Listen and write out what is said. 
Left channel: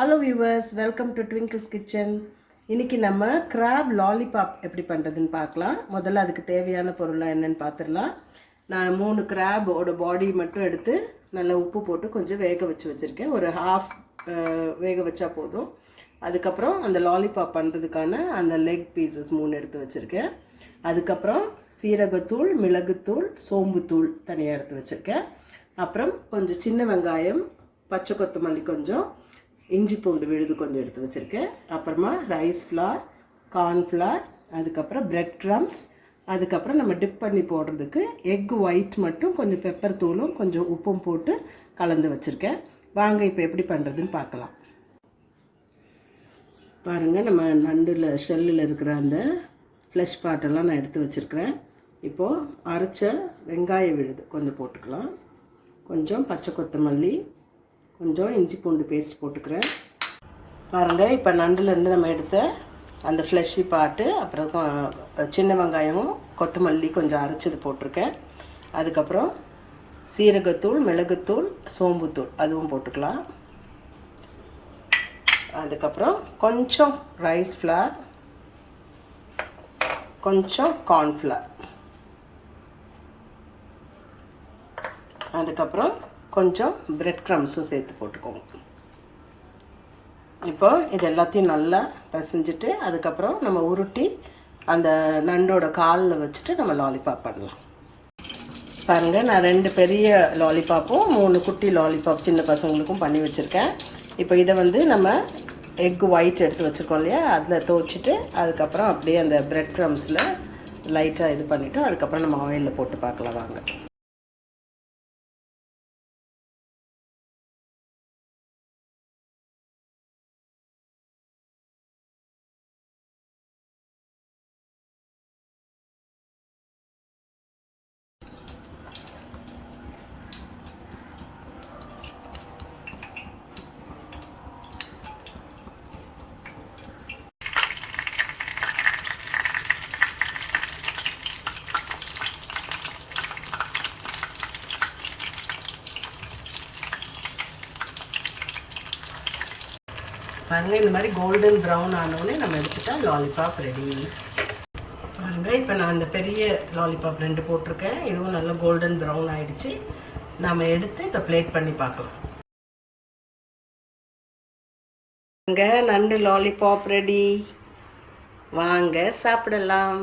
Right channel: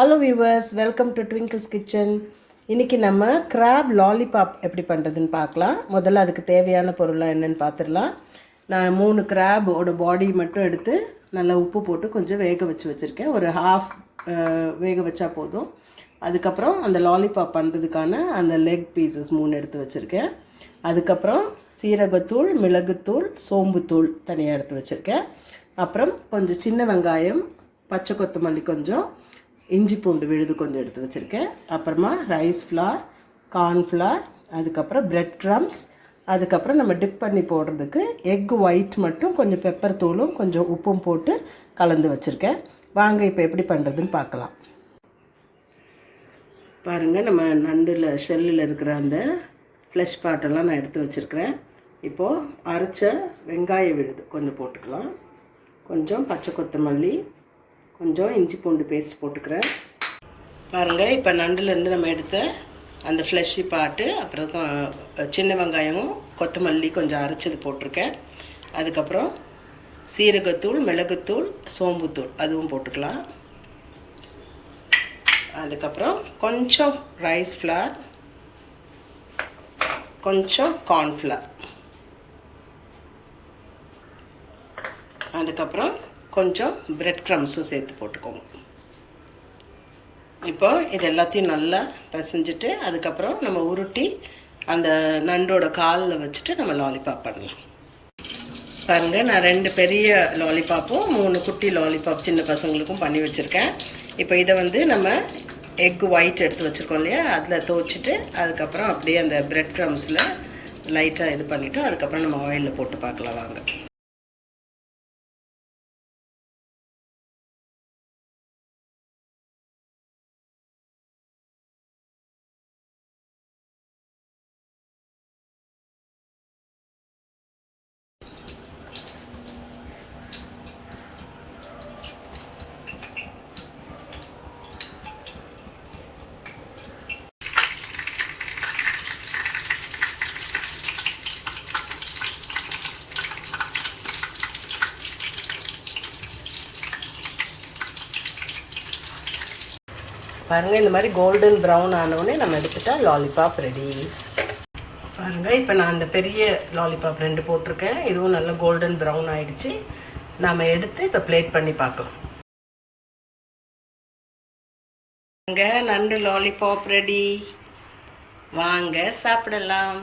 Hello viewers, welcome to twinkles kitchen. இன்றைக்கி நம்ம crab lollipop எப்படி பண்ணுறதுன்னு பார்க்கலாம். முதல்ல அதுக்கு தேவையான பொருளாக என்னென்னு பார்த்துடலாம். நான் 3 கிராபோட பாடி மட்டும் எடுத்து நல்லா உப்பு போட்டு கொஞ்சம் வேக வச்சுருக்கேன். ஒரு ஹாஃப் வேக வச்சா போதும். அதுக்கப்புறம் அந்த லாலிபாப் பண்ணுறதுக்கான அந்த லெக் பீசஸ் 3 எடுத்து வச்சுருக்கேன். அதுக்கப்புறம் சீரகத்தூள், மிளகுத்தூள், சோம்புத்தூள் தனியாக எடுத்து வச்சுருக்கேன். அப்புறம் கொஞ்சம் சின்ன வெங்காயம், பச்சை கொத்தமல்லி கொஞ்சம், இஞ்சி பூண்டு விழுது கொஞ்சம் எடுத்து வச்சுருக்கேன். அப்புறமா ரைஸ் ஃப்ளார், கார்ன்ஃப்ளார், அதுக்கப்புறம் பிரெட் க்ரம்ஸ், அதுக்கப்புறம் நம்ம டிப் பண்ணி போடுறதுக்கு எக் ஒயிட் மட்டும் கொஞ்சம் பெப்பர் தூளும் கொஞ்சம் உப்பும் போட்டு கலந்து வச்சுருக்கேன். வாங்க இப்போ எப்படி பண்ணுறதுன்னு பார்க்கலாம். பாருங்கள், நம்ம நண்டில் ஷெல்லில் இருக்கிற அந்த ஃப்ளஷ் பார்ட்டெல்லாம் நான் எடுத்து வச்சுருக்கிறேன். இப்போது அரைச்ச வெங்காய விழுது கொஞ்சம் போட்டுக்கலாம். கொஞ்சம் பச்சை கொத்தமல்லி, கொஞ்சம் இஞ்சி பூண்டு பேஸ்ட் போட்டுக்கிறேன். பாருங்கள், இப்போ நண்டுலேருந்து நம்ம எடுத்த அந்த ஃப்ளஷி பார்ட்டு, அப்புறம் சின்ன வெங்காயமும் கொத்தமல்லி கொஞ்சம் அரைச்சது போட்டிருக்கேன். அதுக்கப்புறம் சீரகத்தூள், மிளகுத்தூள், சோம்புத்தூள் அதுவும் போட்டுக்கலாம். அதுக்கப்புறம் கொஞ்சம் ரைஸ் ஃப்ளார், கொஞ்சம் கார்ன்ஃப்ளார், அதுக்கப்புறம் கொஞ்சம் பிரெட் க்ரம்ஸும் சேர்த்து போட்டுக்கோங்க. இப்போ இது எல்லாத்தையும் நல்லா பிசைஞ்சிட்டு அதுக்கப்புறம் நம்ம உருட்டி அந்த நண்டோட காலில் வச்சுட்டு நம்ம லாலிபாப் பண்ணலாம். பாருங்கள், நான் 2 பெரிய லாலிபாப்பும் 3 குட்டி லாலிபாப் சின்ன பசங்களுக்கும் பண்ணி வச்சுருக்கேன். இப்போ இதை நம்ம எக் ஒயிட் எடுத்து வச்சுருக்கோம் இல்லையா, அதில் துவச்சிட்டு அதுக்கப்புறம் அப்படியே அந்த பிரெட் க்ரம்ஸில் லைட்டாக இது பண்ணிவிட்டு அதுக்கப்புறம் நம்ம ஆயிலில் போட்டு பார்க்கலாம் வாங்க. பாருங்கள், இந்த மாதிரி கோல்டன் ப்ரௌன் ஆனோடனே நம்ம எடுத்துட்டா லாலிபாப் ரெடி. பாருங்கள், இப்போ நான் அந்த பெரிய லாலிபாப் 2 போட்டிருக்கேன். இதுவும் நல்ல கோல்டன் ப்ரௌன் ஆகிடுச்சு. நாம் எடுத்து இப்போ பிளேட் பண்ணி பார்க்கலாம். நண்டு லாலிபாப் ரெடி. வாங்க சாப்பிடலாம்.